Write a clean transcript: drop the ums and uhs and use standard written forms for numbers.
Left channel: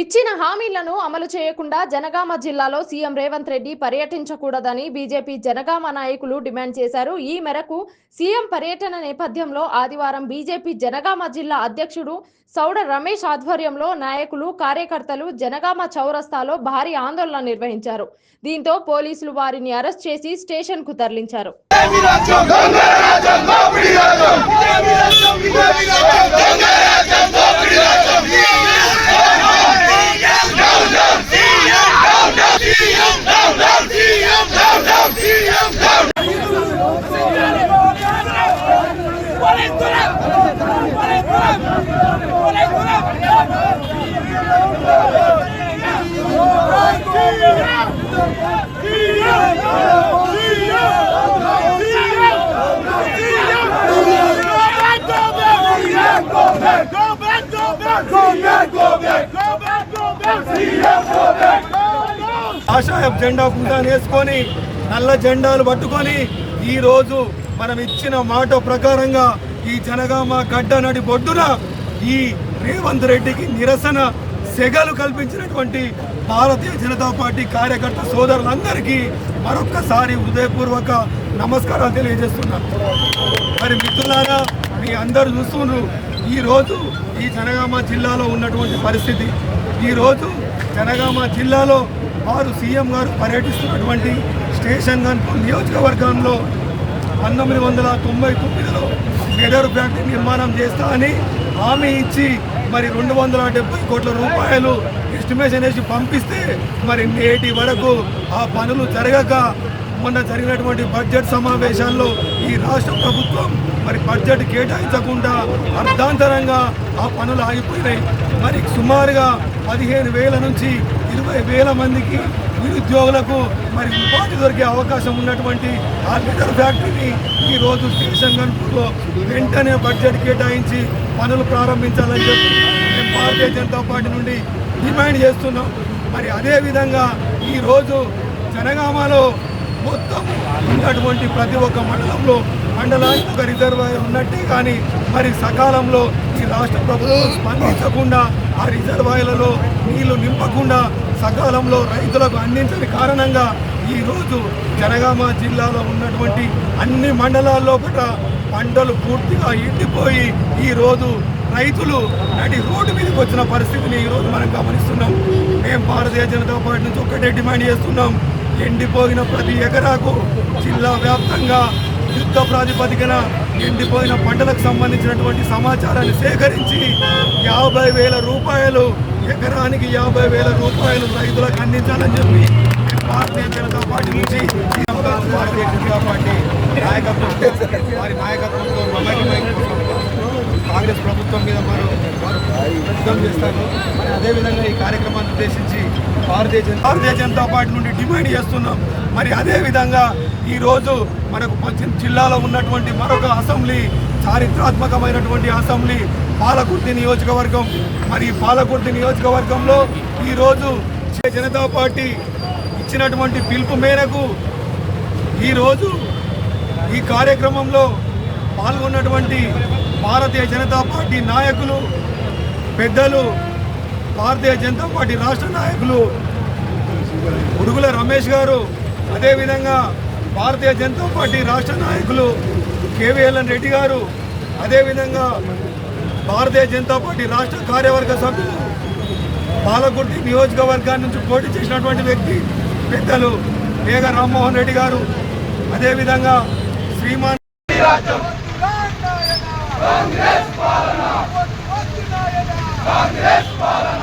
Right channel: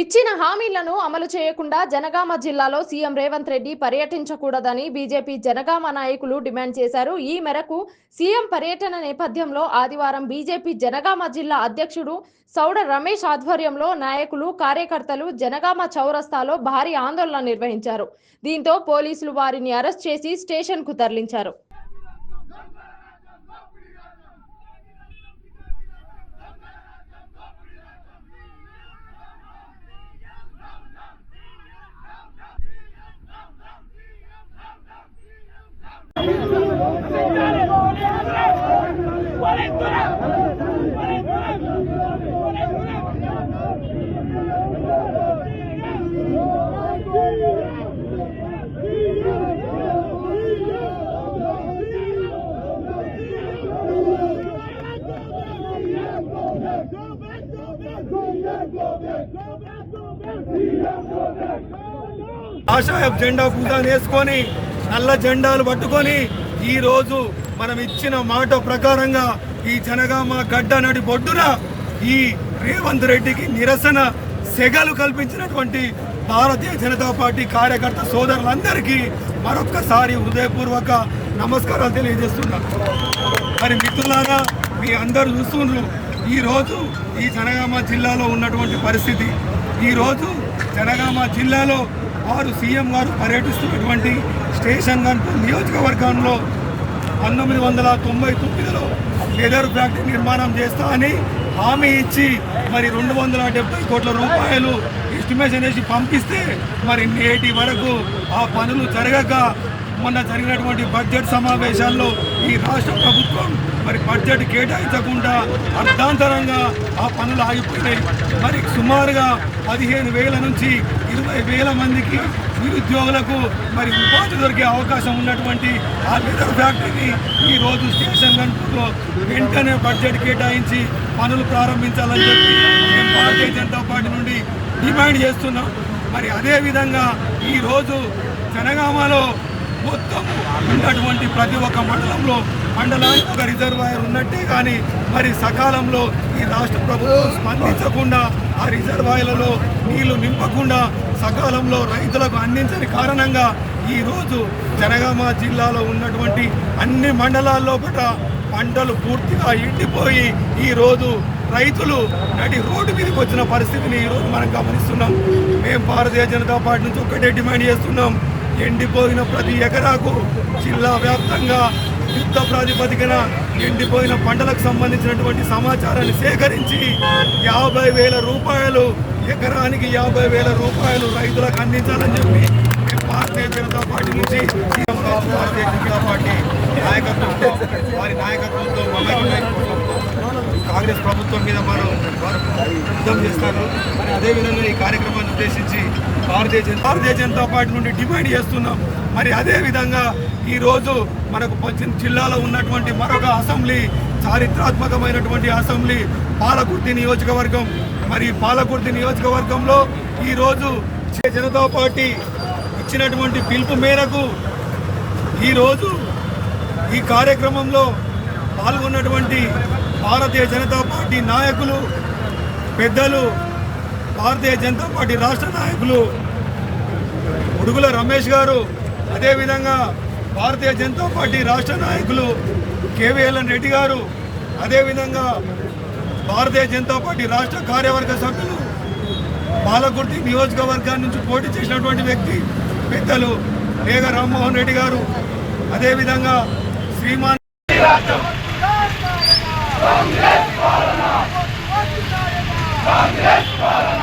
ఇచ్చిన హామీలను అమలు చేయకుండా జనగామ జిల్లాలో సీఎం రేవంత్ రెడ్డి పర్యటించకూడదని బీజేపీ జనగామ నాయకులు డిమాండ్ చేశారు. ఈ మేరకు సీఎం పర్యటన నేపథ్యంలో ఆదివారం బీజేపీ జనగామ జిల్లా అధ్యక్షుడు సౌడ రమేష్ ఆధ్వర్యంలో నాయకులు, కార్యకర్తలు జనగామ చౌరస్తాలో భారీ ఆందోళన నిర్వహించారు. దీంతో పోలీసులు వారిని అరెస్ట్ చేసి స్టేషన్ కు తరలించారు. ఆశాయ జెండా పూజాన్ని వేసుకొని నల్ల జెండాలు పట్టుకొని ఈ రోజు మనం ఇచ్చిన మాట ప్రకారంగా ఈ జనగామ గడ్డ నడి బొడ్డున ఈ రేవంత్ రెడ్డికి నిరసన సెగలు కల్పించినటువంటి భారతీయ జనతా పార్టీ కార్యకర్త సోదరులందరికీ మరొక్కసారి హృదయపూర్వక నమస్కారాలు తెలియజేస్తున్నాను. మరి మిత్రులారా, మీ అందరూ చూస్తున్నారు ఈరోజు ఈ జనగామ జిల్లాలో ఉన్నటువంటి పరిస్థితి. ఈరోజు జనగామ జిల్లాలో వారు సీఎం గారు పర్యటిస్తున్నటువంటి స్టేషన్ గన్పూర్ నియోజకవర్గంలో 1999లో లెదర్ ఫ్యాక్టరీ నిర్మాణం చేస్తా అని హామీ ఇచ్చి మరి 270 కోట్ల రూపాయలు ఎస్టిమేషన్ వేసి పంపిస్తే మరి నేటి వరకు ఆ పనులు జరగక మొన్న జరిగినటువంటి బడ్జెట్ సమావేశాల్లో ఈ రాష్ట్ర ప్రభుత్వం మరి బడ్జెట్ కేటాయించకుండా అర్ధాంతరంగా ఆ పనులు ఆగిపోయినాయి. మరి సుమారుగా 15,000 నుంచి 20,000 మందికి నిరుద్యోగులకు మరి ఉపాధి దొరికే అవకాశం ఉన్నటువంటి ఆ లెదర్ ఫ్యాక్టరీని ఈరోజు స్టేషన్ గన్పూర్లో వెంటనే బడ్జెట్ కేటాయించి పనులు ప్రారంభించాలని చెప్పి మేము భారతీయ జనతా పార్టీ నుండి డిమాండ్ చేస్తున్నాం. మరి అదేవిధంగా ఈరోజు జనగామలో మొత్తం ఉన్నటువంటి ప్రతి ఒక్క మండలానికి ఒక రిజర్వాయర్ ఉన్నట్టే కానీ మరి సకాలంలో ఈ రాష్ట్ర ప్రభుత్వం స్పందించకుండా ఆ రిజర్వాయర్లలో నీళ్లు నింపకుండా సకాలంలో రైతులకు అందించని కారణంగా ఈరోజు జనగామ జిల్లాలో ఉన్నటువంటి అన్ని మండలాల్లో పంటలు పూర్తిగా ఎండిపోయి ఈరోజు రైతులు నడి రోడ్డు మీదకి వచ్చిన పరిస్థితిని ఈరోజు మనం గమనిస్తున్నాం. మేము భారతీయ జనతా పార్టీ నుంచి ఒక్కటే డిమాండ్ చేస్తున్నాం. ఎండిపోయిన ప్రతి ఎకరాకు జిల్లా వ్యాప్తంగా యుద్ధ ప్రాతిపదికన ఎండిపోయిన పంటలకు సంబంధించినటువంటి సమాచారాన్ని సేకరించి 50,000 రూపాయలు ఎకరానికి 50,000 రూపాయలు రైతులకు అందించాలని చెప్పి భారతీయ జనతా పార్టీ నుంచి భారతీయ జనతా పార్టీ నాయకత్వం వారి నాయకత్వంతో కాంగ్రెస్ ప్రభుత్వం మీద మనం యుద్ధం చేస్తాను. మరి అదేవిధంగా ఈ కార్యక్రమాన్ని ఉద్దేశించి భారతీయ జనతా పార్టీ నుండి డిమాండ్ చేస్తున్నాం. మరి అదేవిధంగా ఈరోజు మనకు జిల్లాలో ఉన్నటువంటి మరొక అసెంబ్లీ, చారిత్రాత్మకమైనటువంటి అసెంబ్లీ పాలకుర్తి నియోజకవర్గం. మరి పాలకుర్తి నియోజకవర్గంలో ఈరోజు జనతా పార్టీ ఇచ్చినటువంటి పిలుపు మేరకు ఈరోజు ఈ కార్యక్రమంలో పాల్గొన్నటువంటి భారతీయ జనతా పార్టీ నాయకులు, పెద్దలు, భారతీయ జనతా పార్టీ రాష్ట్ర నాయకులు ఉడుగుల రమేష్ గారు, అదేవిధంగా భారతీయ జనతా పార్టీ రాష్ట్ర నాయకులు కేవీఎల్ఎన్ రెడ్డి గారు, అదేవిధంగా భారతీయ జనతా పార్టీ రాష్ట్ర కార్యవర్గ సభ్యులు పాలకుర్తి నియోజకవర్గాన్ని నుంచి పోటీ చేసినటువంటి వ్యక్తి పెద్దలు మేఘ రామ్మోహన్ రెడ్డి గారు, అదేవిధంగా శ్రీమాన్ కాంగ్రెస్ పాలన